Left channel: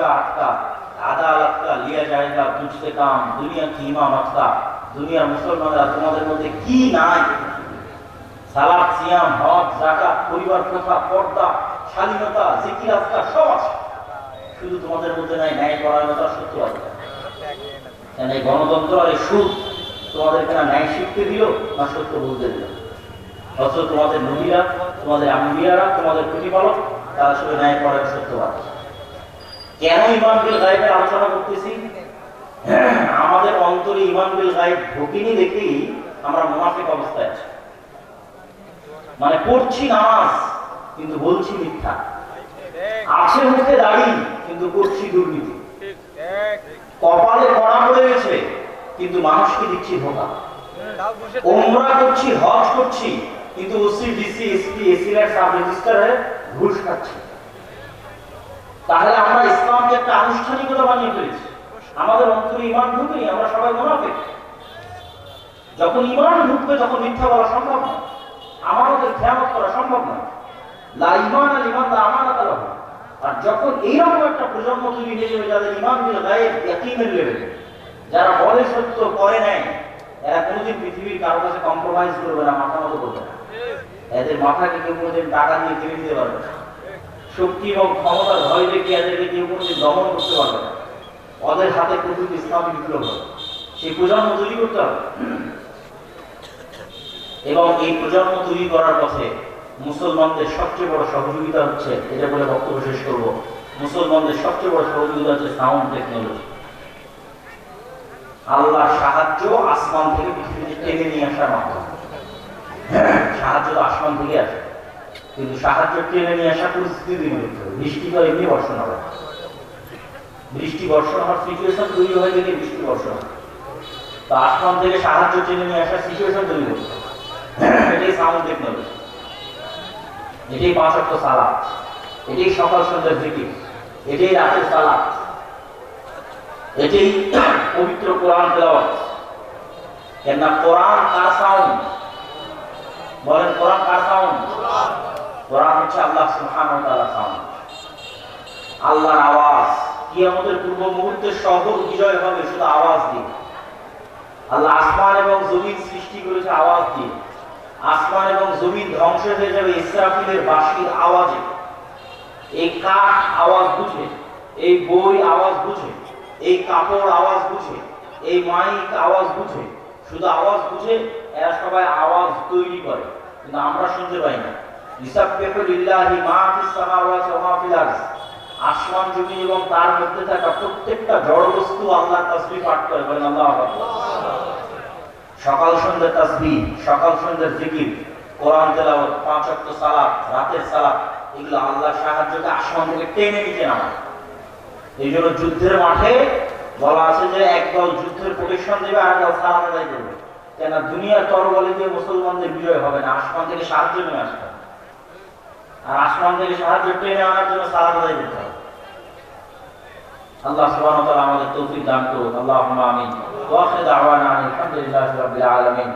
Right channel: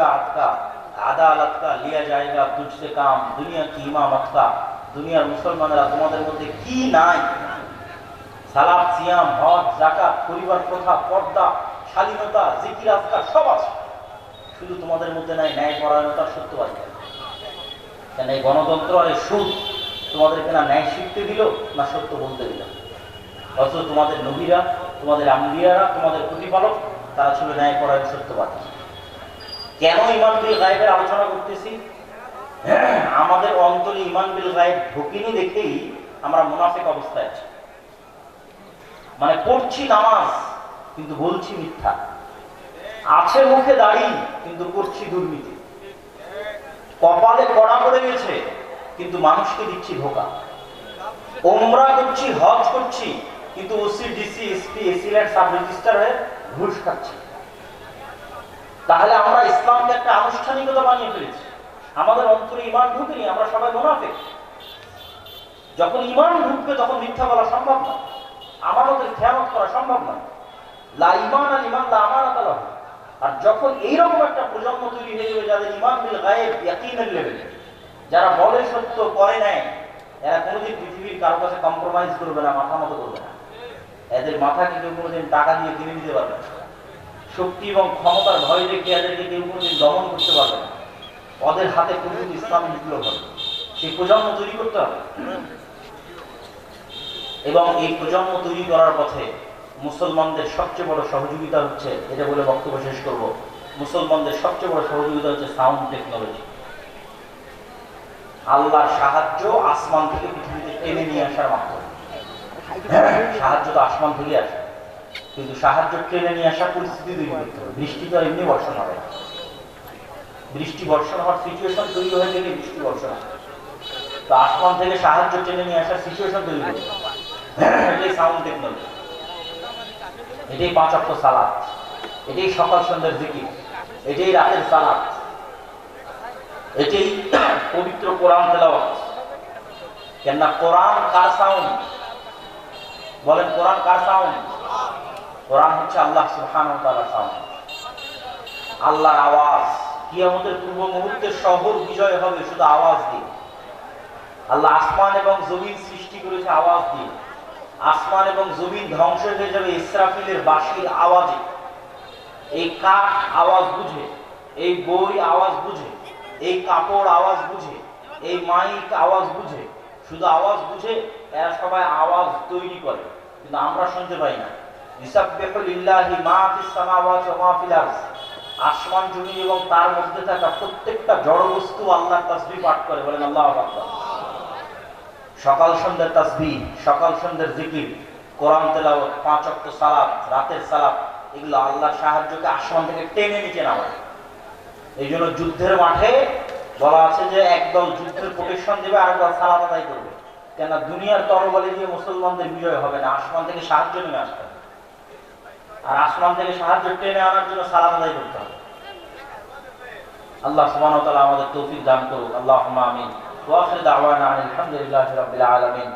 का अटका আদালত का लिया जाएगा तुझसे काम दुनिया की इमामत का দুনিয়ার মুসলমানরা তোমাদের মধ্যে কি নাই সালাত সিয়াম হজ যাকাত পরিবার প্রথা পর্দা শালীনতা জিকির আজকার সব আছে শুধু তোমাদের মধ্যে নাই ন্যায় পরায়ণতা সত্যবাদী কেন এই গণতন্ত্র আর সুদ তোমাদেরকে না ন্যায় শিখতে দিল না সত্য বলতে দিল অথচ তোমাদের নবীরা তোমাদের আম্বিয়ারা তোমাদের প্রতিপালক তারা ছিল ন্যায় পরায়ণ সত্যবাদী কেন ইমান বিল গায়বের আলোচনা করতেছি আমাদের অন্তরে ইমান বিল গায়ব ঢোকেনি দেখেই আমরা মুনাফিক অবস্থায় আছি মানে পড়ছি নামাজ কিন্তু বলছি মিথ্যা আছে মুখে দাড়ি কিন্তু করছি দুর্নীতি কপালে কড়া পড়ে গেছে কিন্তু মানুষকে দিচ্ছি ধোঁকা ওমরা করছি হজ করছি কিন্তু ওসি ডিসি এসপি এসিলেট সাব রেজিস্ট্রারে ঘুষ খাচ্ছি তাহলে আমরা ইসলামকে একটা আনুষ্ঠানিকতা বানিয়ে ফেলেছি আমাদের অন্তরে ঈমান ঢুকেনি আমরা সবাই মুনাফিক যখন ঈমান ঢুকবে তখন মিথ্যা বলা সম্ভব না আমানতের খেয়ানত করা সম্ভব না লা ঈমান আল ঈমান লা আমানাত লাহু আর যখন এইরকম একটা প্রজন্ম তৈরি হয়ে যাবে যাদের ঈমান বিল গায়ব ইয়াকিনের লেভেলে যারা বলে সত্য করে নেয় এরা কোনোদিন পৃথিবীর কারো কাছে কম্প্রোমাইজ করবে না মাথা মতো করবে না এদের মাথাকে কেউ কোনোদিন টাকা দিয়ে কিনে দিতে পারবে না শক্তি এবং ক্ষমতার ভয় দেখিয়ে এদেরকে কেউ কোনোদিন দমন করতে পারবে না ওদের হাতে প্রচুর ইসলাম বিপ্লব হবে সেই প্রজন্ম তৈরি করতে হবে এবং এই প্রজন্ম তৈরি করার পথে মুসলমানদের সবচেয়ে বড় সহযোগিতা হচ্ছে এটা বলে বক্তব্য শেষ করব মুসলমানদের সবচেয়ে বড় সহযোগিতা হচ্ছে সাউন্ড টেকনোলজি আল্লাহর সাহায্য আসমান থেকে পৃথিবীতে টেনে নিয়ে আসার মাধ্যমে সাহায্য তো আসমান থেকে আসে কিন্তু সাহায্য টেনে নিয়ে আসা পরিস্থিতি তৈরি করতে হবে বৃষ্টি তো এমনি বর্ষণ হবে বৃষ্টি বর্ষণ হওয়ার সিচুয়েশন তৈরি হয়ে গেলে বৃষ্টি বর্ষণ হবে তো আসমান থেকে সাহায্য টেনে নিয়ে আসার সিচুয়েশন তৈরি করতে হবে এটাই সাউন্ড টেকনোলজি এটাই 5 ওয়াক্ত সালাত এটাই সকাল সন্ধ্যার জিকির এটাই রাতের সালাত এটাই পবিত্র কোরআন তেলাওয়াত কেননা কোরআন কার সাউন্ড বলেন কোরআন কার সাউন্ড কোরআন হচ্ছে আল্লাহ সুবহানাহু ওয়া তাআলার সাউন্ড আল্লাহর আওয়াজ কিয়ামতের পূর্ব মুহূর্তে শহর বিজয় হবে শুধু আওয়াজ দিয়ে আল্লাহ আসমান এবং জমিন সৃষ্টি করেছে আওয়াজ দিয়ে আসমান এবং জমিন ধ্বংস হয়ে যাবে ইসরাফিলের বাঁশির আওয়াজে এই কাঠ আওয়াজ বুঝে এই বই আওয়াজ বুঝে এই কাপড় আওয়াজ বুঝে এই মাইক আওয়াজ বুঝে শুধু আওয়াজ বুঝে এরা সবাই আওয়াজ তৈরি করে কিন্তু আমরা শুনতে পাই না ইসাববিহু লিল্লাহি মা ফিস সামাওয়াতি ওয়া মা ফিল আরদ আসমান জমি এবং তার মধ্যে থাকা প্রত্যেকটা জড় বস্তু আল্লাহর তাসবিহ পাঠ করে বলেন আল্লাহু আকবার সকাল সন্ধ্যার তাসবিহ সকাল সন্ধ্যার জিকির কোরআন তেলাওয়াত 5 ওয়াক্ত সালাত রাতের সালাত এগুলো আল্লাহর সাহায্যে আসমান থেকে টেনে নিচে নামায় এইজন্য যুদ্ধের মাঠে বলা আছে যে একদল যুদ্ধের প্রোটেকশন দেবে আর একদল সালাত আদায় করবে কেন দুনিয়ার তরবারি দিয়ে মুসলমানদের বিজয় হবে না আসমান থেকে সাহায্য নেমে আসবে আর আসমান থেকে সাহায্য টেনে আনার জন্য সালাত আদায় করতে হবে আল্লাহ সুবহানাহু ওয়া তাআলা আমাদের তৌফিক দান করুন আল্লাহুম্মা আমিন ওয়া আখিরু দাওয়ানা আলহামদুলিল্লাহি রাব্বিল আলামিন